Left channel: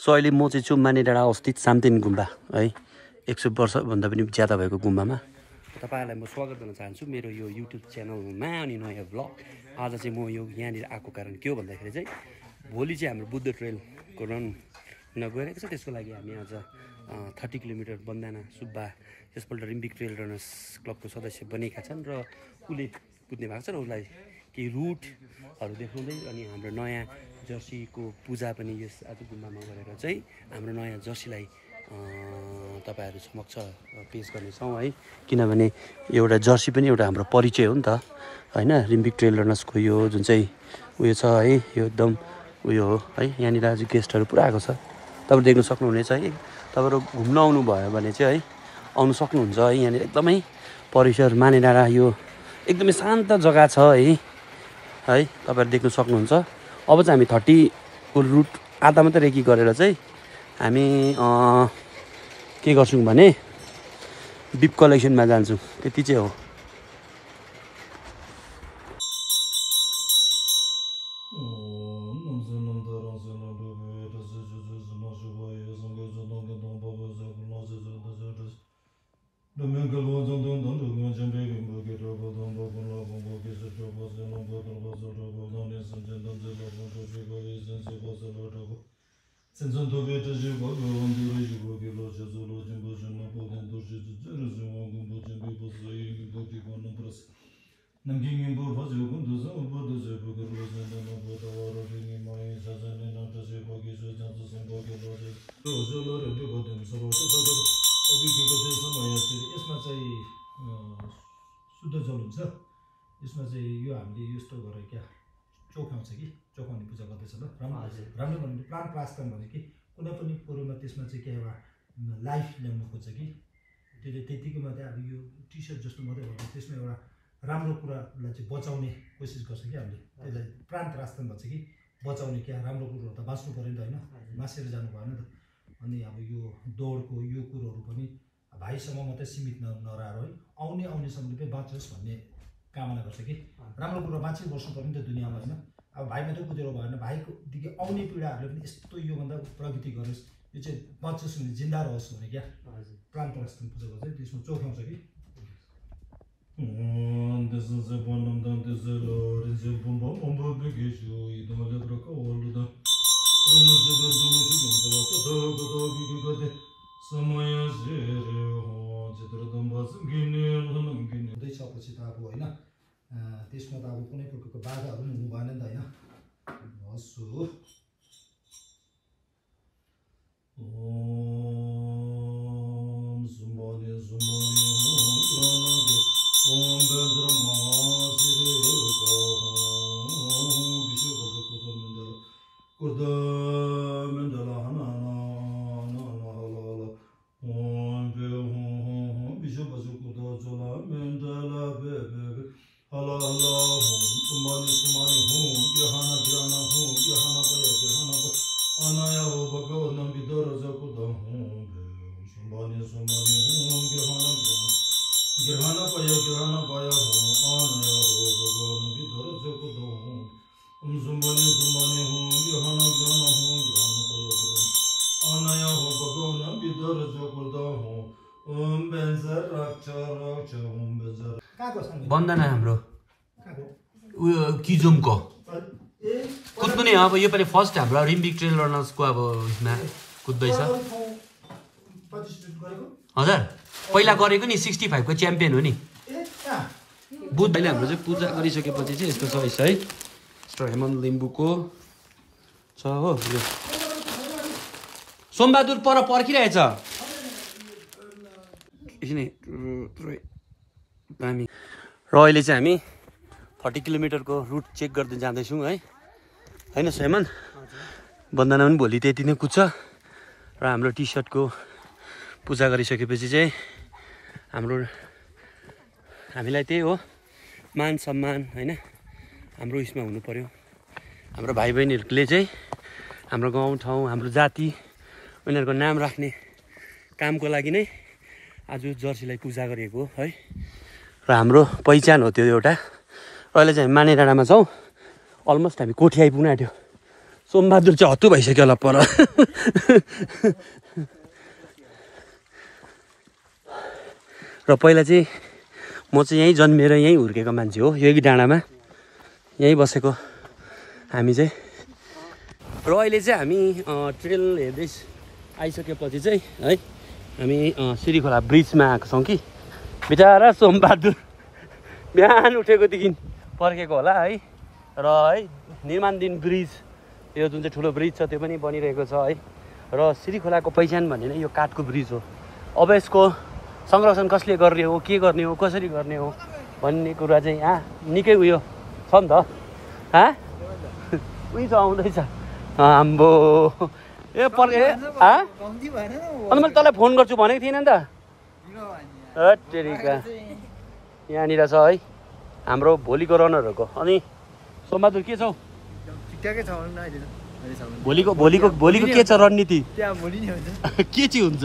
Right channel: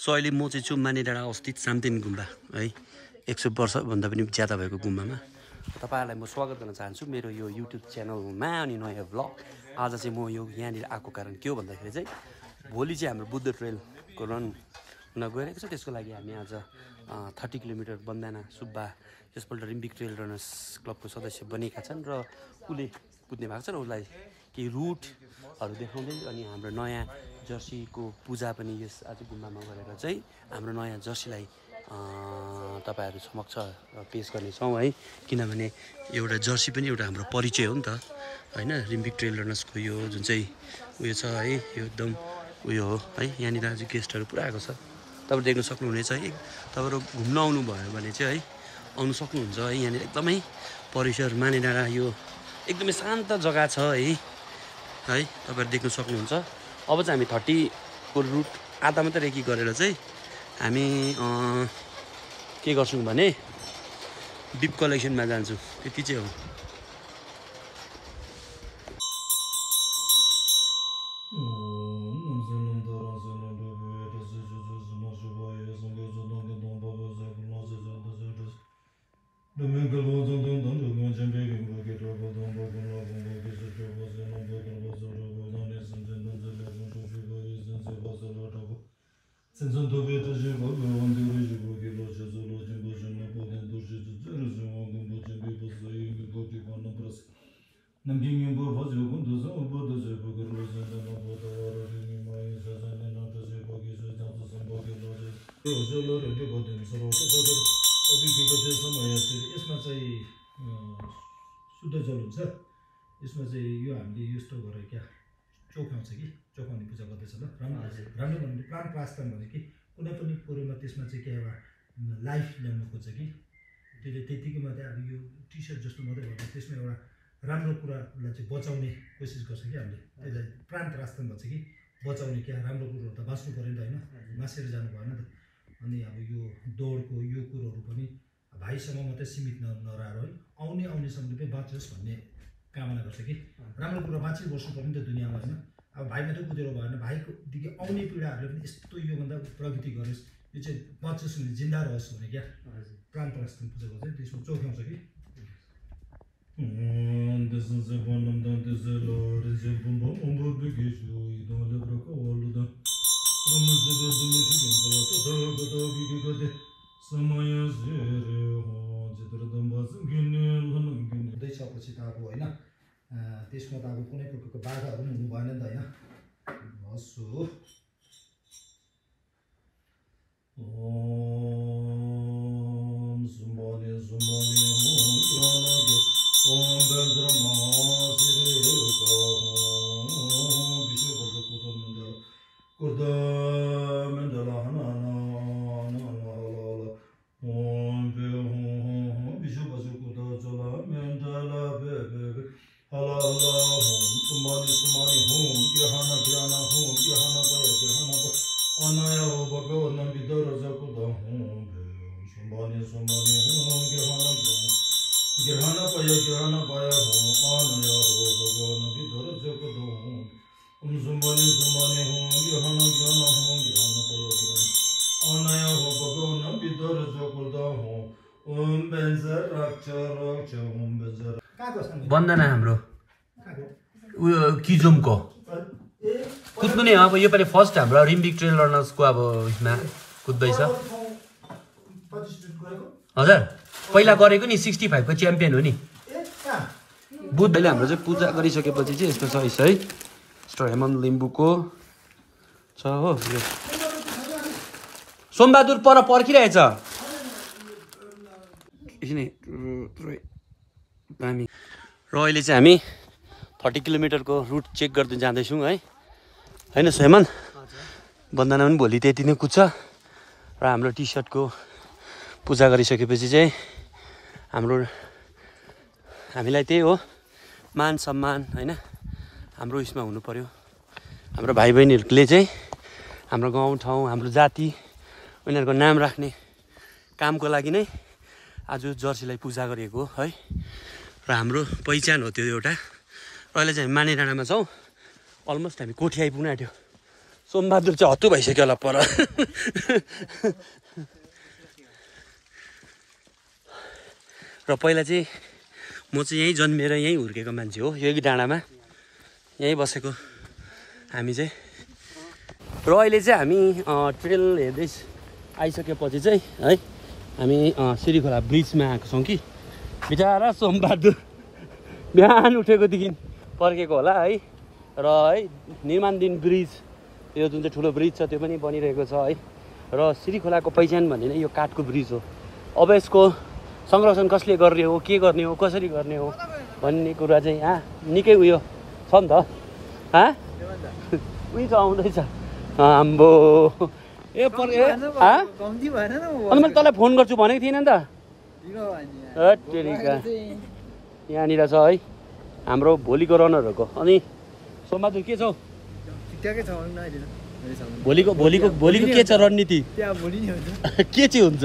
So अहिले म चाहिँ छु मानेडाँडा अवस्थित साम्तेन गुम्बा है 100 वर्षभन्दा पनि ज्यादा भएको गुम्बामा तपाईहरुलाई म स्वागत गर्न चाहन्छु मेरो यो युट्युब च्यानलमा अनि नयाँ ब्लग आज चाहिँ म यो यहाँनिर आएको कारण के हो भन्दाखेरि चाहिँ भोलि चाहिँ हाम्रो बुद्ध ट्रेलको रन हुन गइरहेको छ त्यसको लागि हामी आज 30 किलोमिटर बन्दाना सुब्बा त्यसपल्ट रिम्बिक ट्रेल रनर्स क्लबको सदस्य बनेका छन् र उले कुद्ने भएको छ र उसलाई केही रुटहरू देखाउँदै अनि हाम्रो नयाँ जर्सीको पूजा पनि यस आज गुम्बामा गरेर चाहिँ हाम्रो नयाँ जर्सीलाई तपाईहरु समक्ष पेश गर्नेछौँ है किनभने एउटा जर्सी पनि एउटा हाम्रो परिचय हो नि त हैन रिम्बिक ट्रेल रनर्सको यो जुन चाहिँ उयो छ है यो एकदम उयो हो है यहाँनिर आज गेस्टहरू पुरा आएको छ तपाईहरु देख्न सक्नुहुनेछ है तपाईहरु घुम्न आउनु भयो भने चाहिँ है आउनु सक्नुहुन्छ है यहाँनिर एकदमै परिसर मानेडाँडा यो एकदमै शान्त जग्गा छ है तपाईहरु देख्न सक्नुहुन्छ अब चाहिँ हामी 30 को रुट आधा मात्रै रेकी गरेर चाहिँ हामी के गर्छौं भने बिप कलेक्सनमा जान्छौं त्यति चाहिँ हो यसमा चाहिँ शुद्ध जल हुन्छ यसमा चाहिँ यो हामीले यस्तो गरेर क्या चोखाउँछ कि चोखाउने पूजा गर्दैछ ल राम्रो भन्नु प्राण प्रास्तान भने कि कुनै पनि कुरोमा त्यसमा चाहिँ के एउटा लाइफ ल्याउनु खोज्छ कि त्यसले त्यतिकै मात्रै अब यो टी सर्ट जस्तो मात्रै भन्दा त्यसमा एउटा राम्रो कुरालाई चाहिँ बचाउने कोसिस गर्छ कि हामीले त्यसलाई प्राण प्रास्तान भन्छ कि बचाउने क्या राम्रो कुरोहरू त बाँच्नु पर्यो नि त होइन मासेर जानु भएन त अनि अब यो दौडको यो कुरोहरू पनि भाइसम्म मात्रै सीमित नरहेर है आउनेसम्मले पनि बाँचोस् भन्ने कामना गर्छ कि राम्रो कुरो बाँची बस्नु पर्यो नि त दुनियाँमा होइन अब भाइ मात्रै कुदेर भएन भाइकोदेखि आउने पिँढीहरूले पनि यस्तो योभन्दा प्रगति गरोस् यो चाहिँ बाँचोस् भने जिन्दा रहोस् भने क्या प्राण प्रास्तान पूजा गर्छ त्यसमा चोखाउँछ कि हुँदैछपछि त अब होइन त्यसमा त अब कुनै प्रकारको बाधाहरू पनि हुनु भएन नि त होइन हस् हो ओम सुम्बने सुम्बने ओम बन्द्रमा सिरे को विश्व कुर्द मण्डल बन्दना हाम्रो उयो किजुमको कुद्नु नि अब योपालि फर्स्ट हाम्रो रिम्बिक ट्रेल रनर्सको अब यसमा कुद्दैछ हजुर पहिला गरेको नि 65 को च्याम्पियन हो नि बुधले हाम्रो चाहिँ पूजा गरिसकेपछि चाहिँ यस्तो छ है यस्तो हेमन्त लिम्बुको छ हो यो सोमबहादुर पर पर्खिरहेछ एकछिन हामी र अहिले चाहिँ हामी 30 किलोमिटरको रुट चेक गर्दै जाँदैछौँ है होइन हेमन्त बन्दना पनि भोलि त्यति नै कुद्छ र हाम्रो टी सर्टको पूजा गरिसकेपछि चाहिँ हामीलाई त्यही हो मान सम्मान होइन हाम्रो उयसमा हुनु पर्यो हाम्रो भाइ बहिनीहरूले चाहिँ हाम्रो गाउँ ठाउँ हाम्रो जाति उनीहरूको नाम राख्ने कामको लागि नै आज जर्सीलाई पूजा गरेको है र हाम्रो पहिचान हो त्यो एउटा र अहिले चाहिँ हामी मानेडाँडामा छौँ अलमोस्ट हामी कोठी आइपुग्न आँट्यो सोमबहादुर चाहिँ हत्तु भइसक्यो होला पर र पहिला चाहिँ म चाहिँ यहीँ जन्मेर यहीँ हुर्केको मान्छे हो यही डाँडामा यहीँ बसेको हामी चाहिँ र अहिले चाहिँ हामी ट्रेल हेर्दै आइसकेपछि चाहिँ है हामी सिरीखोला ब्रिजमा आएको छौँ कि बिचरा सोमबहादुर बिहान उठेकोदेखि पर्खेको होला है र है निर्माणधीन ब्रिज यो जुन चाहिँ ठुलो ब्रिज छ त्यो पनि बनिरहेको छ है र सिरीखोलाको पहिचान भन्ने नै यो काठको ब्रिज हो अब यसको संरक्षण कसले गर्ने हो के गर्ने हो कसरी गर्ने हो भन्ने कुरा चाहिँ निकै उयो छ नि त उयो त आउँदैछ आम्बो ए अनि मैले तँलाई फोन गर्छु भनेको थिइनँ नि त यहाँनिर छ है हाम्रो भोलिको रनरहरूको अनि सोमबहादुर के छौ ठिकठाकै छ भोलिको के छ रणनीति के चाहिँ हुन्छ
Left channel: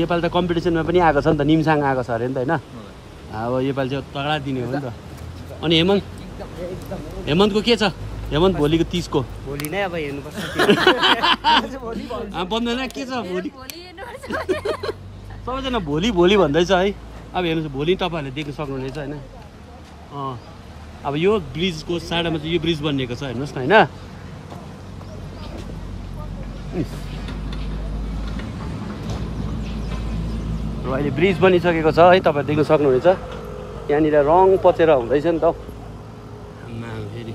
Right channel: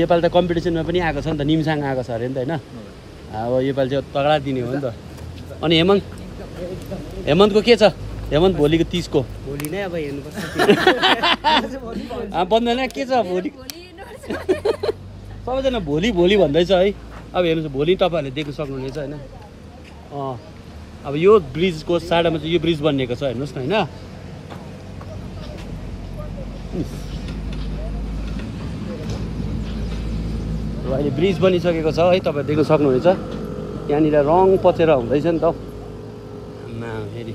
योपालि त कम्पिटिसनमा पनि आएको छ नि त निमसाङ आएको छ अरे नि त होइन अब योपालि चाहिँ तगडा दिने हो नि त अनि हेमन्तको के छ हेमन्त भोलिको 30 को भोलि नै अब हेर्नुपर्छ बन्दैन के छ भोलि सबैजना भोलि भन्दैछ है अब हेर्नुहोस् भोलि तपाईँहरूले देख्न सक्नुहुनेछ होइन अब यो ब्रिजको साडामा चाहिँ यो ब्रिज बनिएको छ हेर्नुहोस् न होइन र अहिले ब्रिज बनिसकेको छ है तपाईँहरू देख्न सक्नुहुन्छ यहाँनिर रङ पचेर हुँदैछ नि त फेरि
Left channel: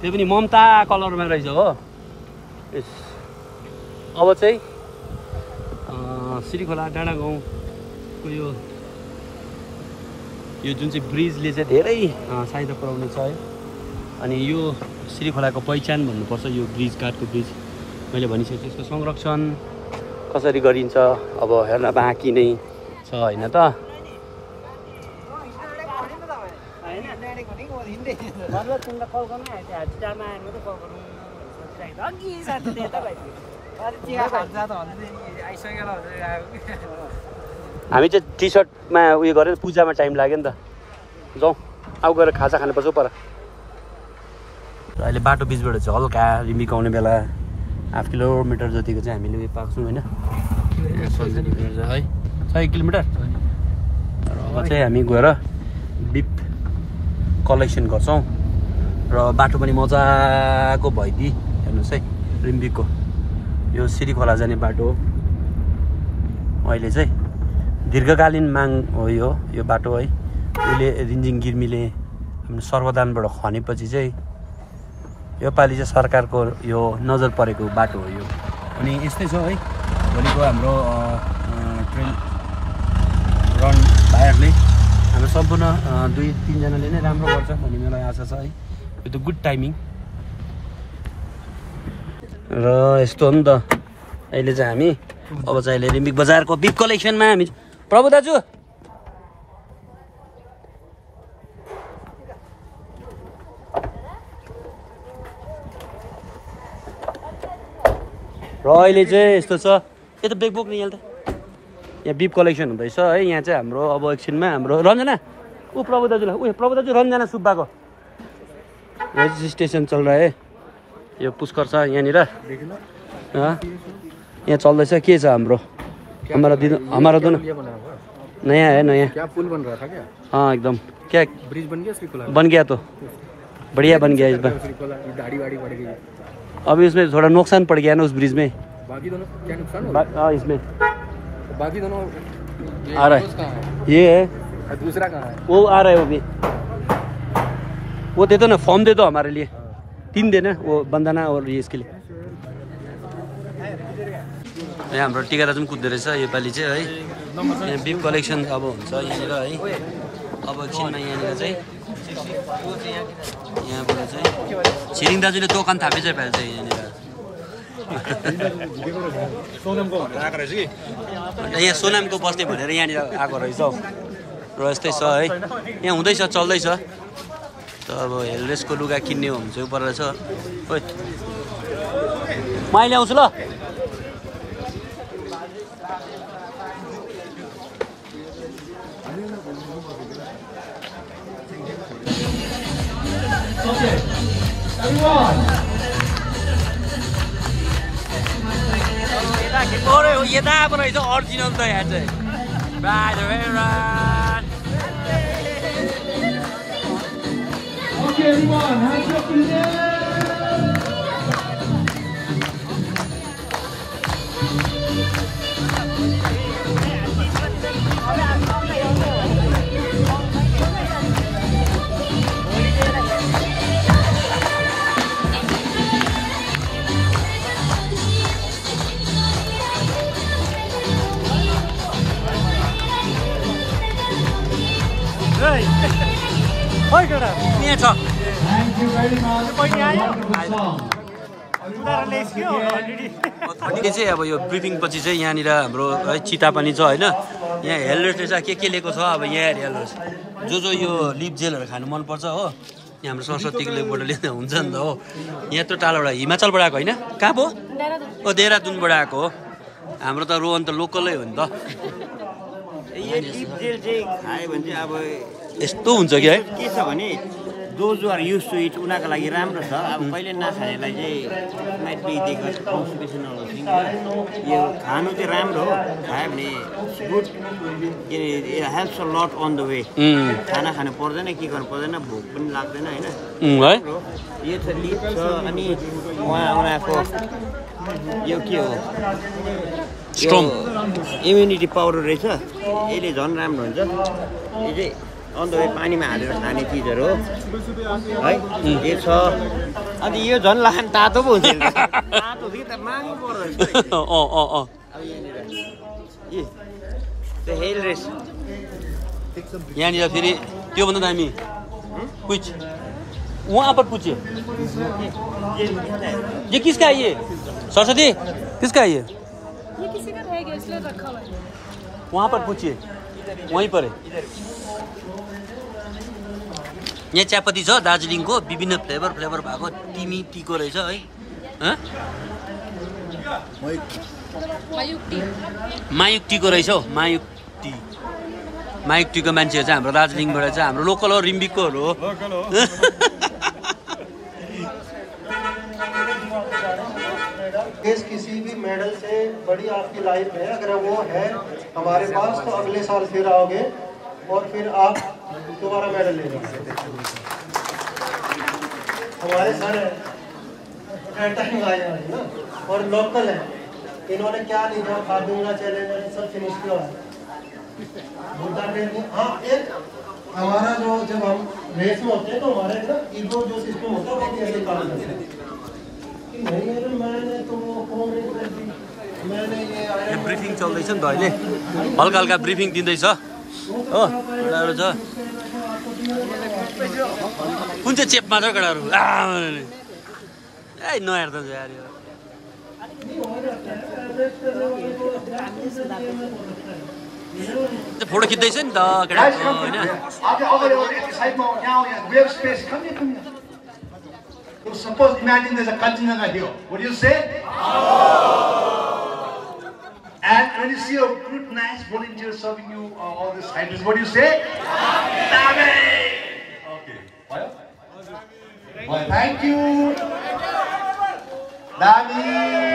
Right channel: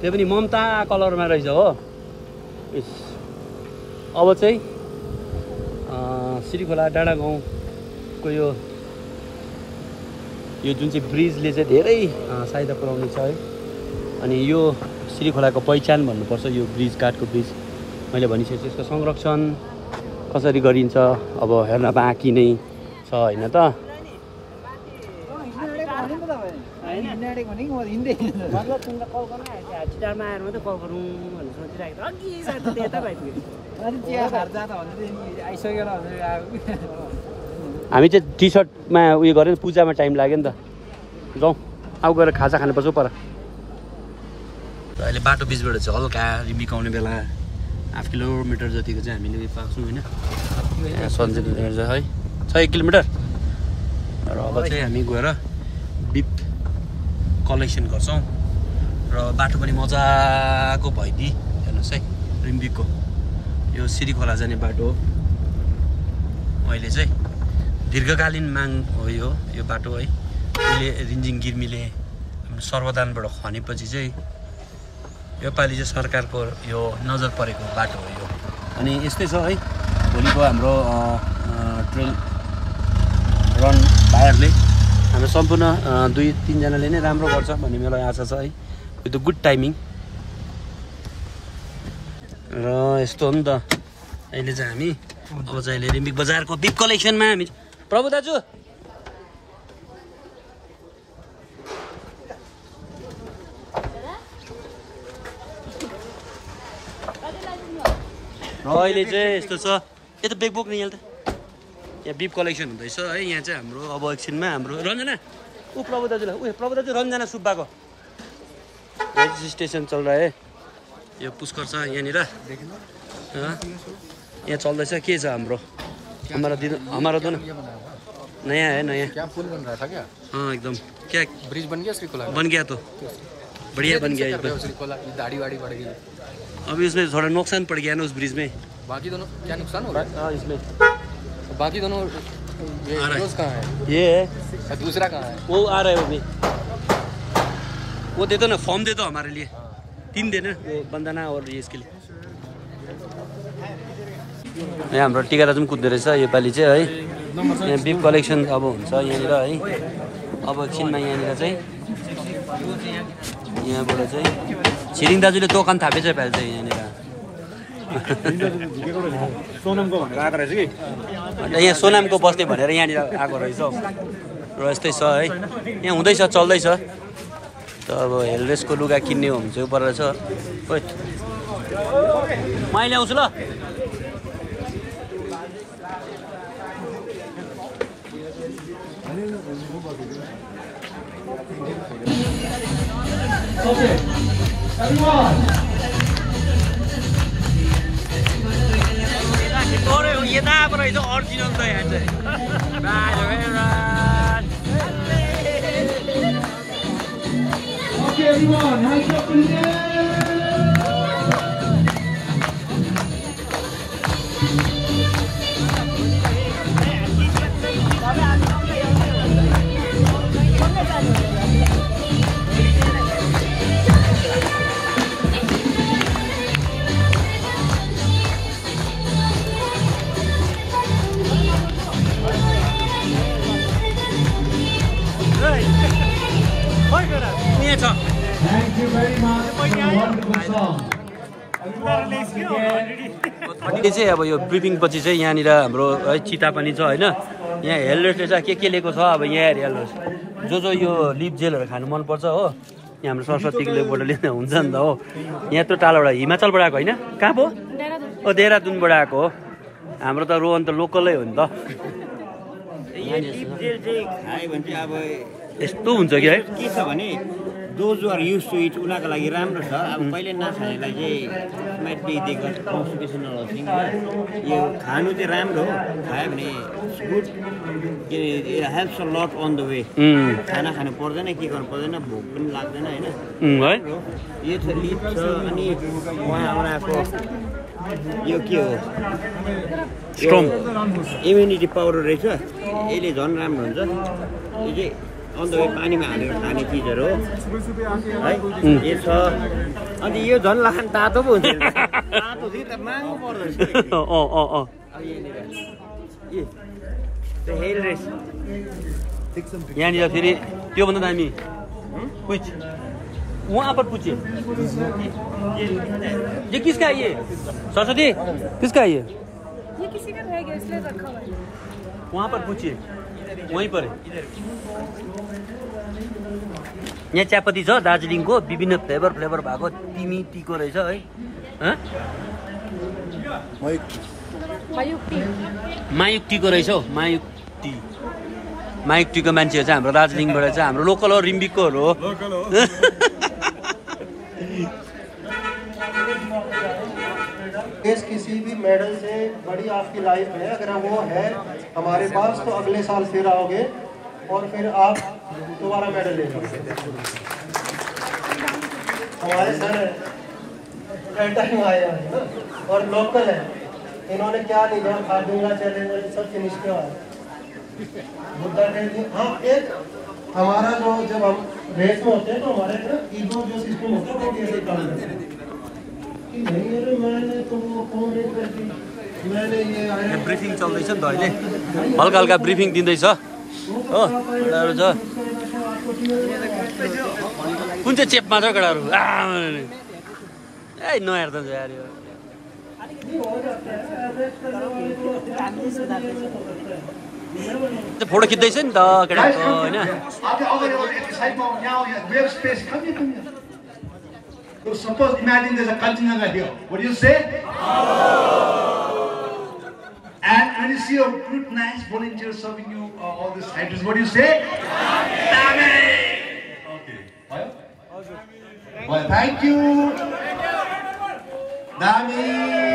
त्यो पनि ममता कलरमा रहेछ हो अब चाहिँ सिरीखोला डाँडा गाउँको यो जुन चाहिँ ब्रिजले चाहिँ धेरै सहायता पुर्याउने छ है अनि यो सिरीखोलाको पहिचान भन्नुपर्छ यो ब्रिज काठको ब्रिज मैले भनिसकेँ यसको संरक्षण कसरी गरिन्छ अब हेर्न बाँकी नै छ होइन त हामी चाहिँ टी सर्टमा उयो गरेर पूजामा टाइम लाग्यो नि त जाउँ अब गएर खाजा खानुपर्छ पर र अहिले बाटो बिचबाट चाहिँ हल्का रिम्बिक आउने बेला 1/2 किलोमिटर जतिको चाहिँ हामीले पाउँछौँ होइन सन्चै है 1 किलोमिटर र अब चाहिँ हामी गएर बिप कलेक्सन गर्छौँ र बाटो पनि मजाको भइदिई हेर्नुहोस् है रिम्बिकको यो सिरीखोला जाने बाटो हो अहिले चाहिँ दीर्घकालीन माग हो यो बाटो है अहिले रिन्जिङ गिर्मीले हाम्रो सर्वदानबाट खनेपछि चाहिँ योपालि चाहिँ सरकारको यो नजर परेको बाटो हो यो अनि यस्तै छ है भोलिको हाम्रो ट्रेल रन भाइहरूले हाम्रो सम्पूर्ण 2-3 जनाले नै राम्रो गर्छ भन्ने मलाई आशा छ है यो त गुड टाइमिङ र यस्तो हो नि त अहिले चाहिँ हामी अब चाहिँ अहिले रिम्बिक बजारको बिप कलेक्सनमा हामी प्रभु दाजु र अहिले चाहिँ यस्तो छ यो त बेग बोक्ने यहाँ त यहाँ बिप कलेक्सन हुँदैछ है यहाँ चाहिँ हाम्रो अब एकछिनमा हाम्रो रञ्जना प्रभु दाजुलाई प्रभु दाजु रञ्जना सुब्बाको रेजिस्ट्रेसन चल रहा है यो पुष्कर छ यहाँनिर यहाँ चल्दैछ के छ हाम्रो हमारा दोनों नया है नया क्या पुल बन रहा था क्या एकदम क्या ब्रिज बन गया श्रीकोला बन गया तो बढ़िया बन गया इस बार श्रीकोला ये दाढ़ी वाड़ी बढ़ गई अभी उसमें थोड़ा नुकसान पड़ गया ना उस ब्रिज में बाकी दोनों क्या नुकसान हो रहा इसमें बाकी दोनों आ रहा है ये है दूसरा कहाँ है वो आ रहा है अभी वो दे दो ना फॉर्म दे दो हमारे लिए 3 देना वो बंदाना और ये इसके लिए यहाँ हाम्रो टिका दाजु पनि कुद्दो रहेछ योपालि चाहिँ है यहाँ बिप कलेक्सन अब हुन्छ यहाँनिर है अब एकछिनमा यहाँनिर चाहिँ यहाँबाट चाहिँ छिरिङ दाजुले दोकान थापेछ पाइल चाहिँ यहाँनिर यहाँ सोनामको बस्ने भनेर यहाँनिर आएको रहेछ हौ र यस्तै छ है यहाँ हुँदैछ चल्दैछ त अब हेलरेसको लुगा किन्ने हो भने चाहिँ पर रहेछ ओइ म अहिले आउँछु ल अरे यताबाट रहेछ अरिजिनल त यहाँ चाहिँ Right, right. Okay, everyone, hands up in the air. यहाँ छ Thank you very much for a wonderful song. यो चाहिँ अब यो ब्रिफिङ पछि चाहिँ यहाँनिर हाम्रो है चिता पनि छ होइन यहाँ हेल्मेटले चाहिँ के लिएको छ अब यहाँ हेरिहाल्नुहोस् जो यो लिप जेलहरू खानु मनपर्छ हो यहाँ हाम्रो सरस्वतीको लेपबाट लिँदा हुन्छ नि त हो यहाँ त्यो टाढाबाट हिमाचलबाट आएको होइन कहाँ पो ओ देहरादुनबाट आएको हो हाम्रो त रोहन त लोकलै हो नि त यस्तो हुन्छ कि है के छ भने those are used to it उनीहरूको लागि राम्रो छ अब कहिले नखानेलाई चाहिँ might be they got constipational thing होइन यो खानु चाहिँ राम्रो हो खायो भने good helps a lot on the way खाना खानु पर्दैन के गर्नु पर्दैन भोक पनि लाग्दैन होइन यो छ लिप छ अनि उनीहरूको यो के हो स्ट्रङ इम्युनिटी पाउडर रहेछ यसले झन् राम्रो हुन्छ यो चाहिँ अन्त पानीमा हालेर खाने चिजहरू हो है यो छ अन्त यो झन् लाखान तातो पो हुन्छ तातो थियो त माग्नु पर्दो रहेछ यहाँनिर फेरि त्योभन्दा दामी कुछ वहाँ पर पूछे ये किसका है ये सरस्वती किसका है ये किसी का रहेगा इसलिए देखो वहाँ पर पूछिए वहीं पर है यहाँ चियापत्ती छ दार्जिलिङको विभिन्न फ्लेभर भएको टिमी टीको रहेछ है मायुक टीको रहेछ हौ मायुक टीको मान्छेहरू चाहिँ हाम्रो दार्जिलिङबाट चाहिँ हाम्रो लोकल हो रिम्बिककोहरू हो किसी भी मेडल से बड़ी आपकी लाइफ है अगर वो है हमारे पास तो अगले साल फिर आओगे और फिर आप दोबारा मेडल लेगा हमारे सर टाइम आए हैं ना और लोकल है इन्होंने क्या नहीं कहा खादूंगा चैलेंज सब फिनिश किया हाँ एक हमारा जो जब हम रेस में होते हैं तो हमारे ना ईगो जो सिस्टम होता है वो कैसे काम करते हैं यहाँ ब्रिफिङ चल्दैछ नि त अहिले हल्का हल्का ब्रिफिङ दिँदैछ हो केटाहरू छ कुन चाहिँ चेपमा छ केटाहरू ए नहेर्दा यार यो फोटो खिच्दैछ नि त केटाको होइन So suppose, imagine there's a Kanchenjunga here. What do you say? And when you see a good, nice volunteer serving you all these titles, what do you say? Okay. Well, thank you. Dami.